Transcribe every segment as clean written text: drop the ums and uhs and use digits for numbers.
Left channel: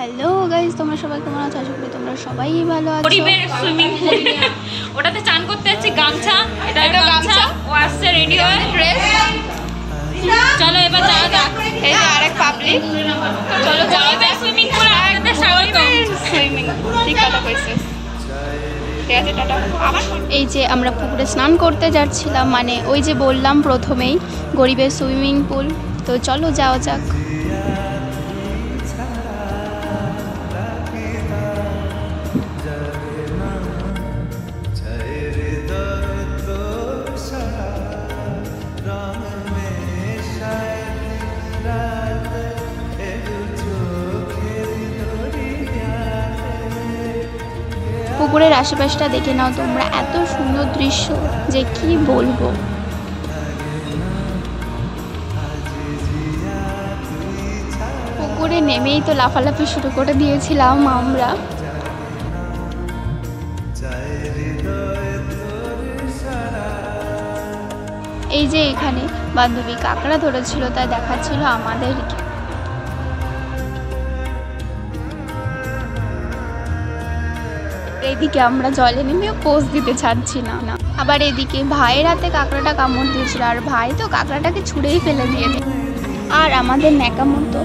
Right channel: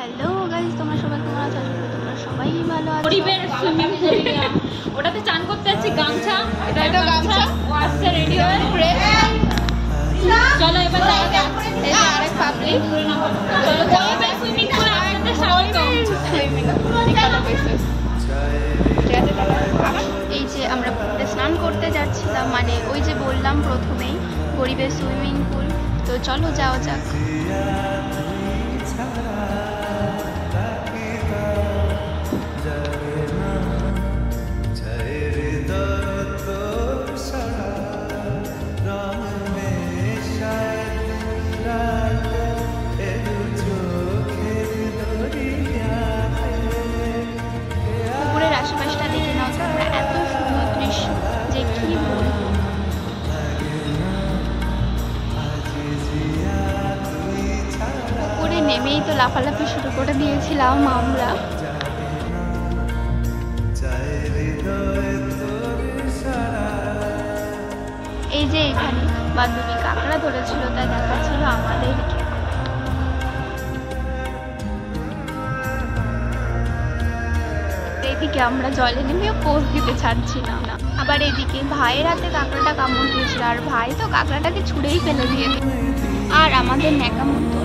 Hello guys, তোমরা সবাই কেমন আছো? আশা করি তোমরা সবাই ভালো আছো। পরিবেশ সুইমিং পুল ওটাতে চান করতে যাচ্ছি। গামছা, এটা গামছা ও আসছে রেডি হয়ে ড্রেস। চলো এবার যাওয়া যাক। এই যে আরেক পাবলিক, চলো যাওয়া যাক সুইমিং পুল। আমাদের স্বাগতম সুইমিং। ঠিক কথা কইছিস। এই যে আমরা পুকুরে স্নান করতে যাচ্ছিলাম, মানে ওই যে বললাম প্রথমেই গরিবের সুইমিং পুল। তো চলো যাওয়া যাক। পুকুরের আশেপাশটা দেখে নাও তোমরা, এত সুন্দর দৃশ্য যে কি বলবো। পুকুরে নেমেই তো লাফালাফি শুরু করে দিয়েছিলাম আমরা। এই যে এখানে বান্ধবী কাঁকড়া ধরেছিল, তাই দেখাচ্ছিল আমাদেরকে। এইদিকে আমরা জলে নেমেও পোজ দিতে ছাড়ছি না। আবার এদিকে ভাইয়ের হাতে কাঁকড়াটা কামড় দিয়েছিল, আর ভাই তো কাঁকড়াটাকে ছুঁড়েই ফেলে দিয়ে। আর আমাদের ন্যাকামো তো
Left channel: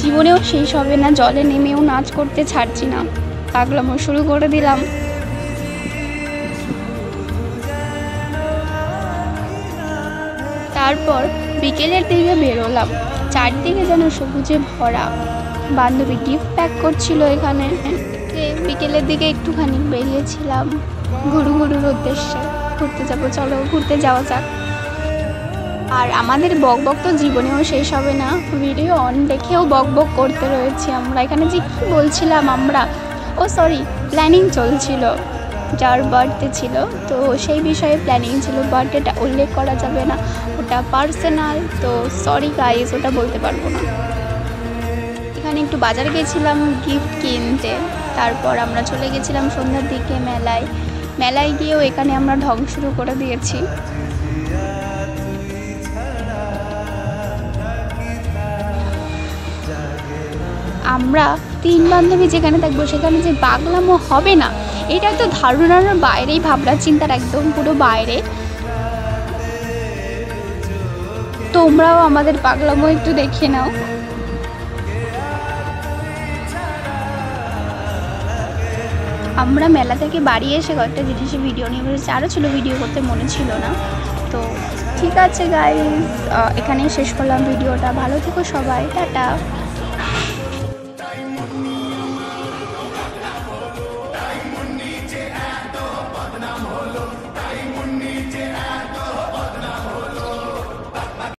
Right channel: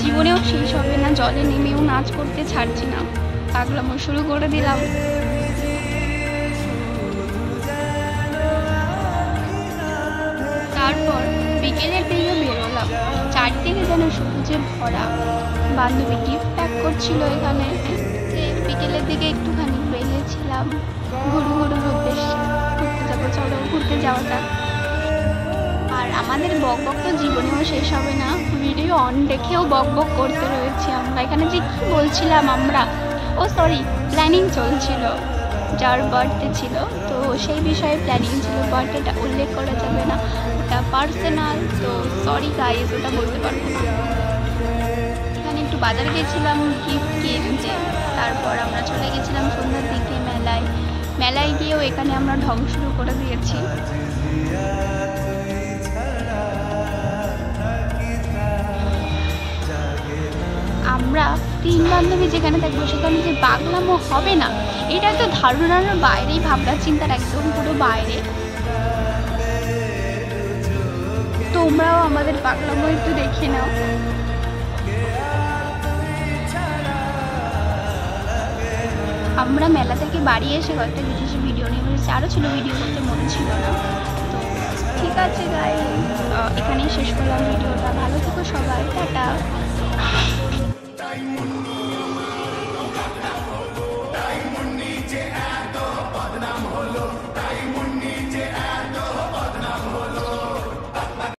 জীবনেও শেষ হবে না, জলে নেমেও নাচ করতে ছাড়ছি না, পাগলামো শুরু করে দিলাম। তারপর বিকেলের দিকে বেরোলাম, চারদিকে যেন সবুজে ভরা। বান্ধবী গিফট প্যাক করছিল এখানে। বিকেলের দিকে একটুখানি বেরিয়েছিলাম ঘুরুর উদ্দেশ্যে, ঘুরতে যাবো, চলো ঘুরতে যাওয়া যাক। আর আমাদের বকবক তো জীবনেও শেষ হবে না, ভিডিও অন দেখেও বকবক করতে রয়েছি আমরা। এখানে যে কী বলছিলাম আমরা, ও সরি, প্ল্যানিং চলছিল, যার বার্থডে ছিল তো সেই বিষয়ে প্ল্যানিং ছিল। বার্থডেটা উল্লেখ করা যাবে না, ওটা পার্সোনাল, তো সরি গাইস, ওটা বলতে পারবো না। এখানে একটু বাজারে গেছিলাম গিফট কিনতে, তারপর আমরা চলে গেছিলাম সন্ধ্যার দিকে মেলায় গিয়েও এখানে আমরা ঢং শুরু করে দিয়েছি। আমরা তিন বান্ধবী যেখানে থাকবো সেখানে যে পাগলামো হবে না, এটা তো ধারণার বাইরেই, ভাবনা চিন্তার একদম পুরো বাইরে। তোমরাও আমাদের পাগলামো একটু দেখে নাও। আমরা মেলা থেকে বাড়ি এসে কয়েকটা বিদেশি ভিডিও নিয়ে বেরিয়েছি, আরও ছিল, ভিডিও করতে মনে ছিল না। তো ঠিক আছে গাইস, এখানেই শেষ করলাম ভিডিওটা। ভালো থেকো সবাই, টাটা।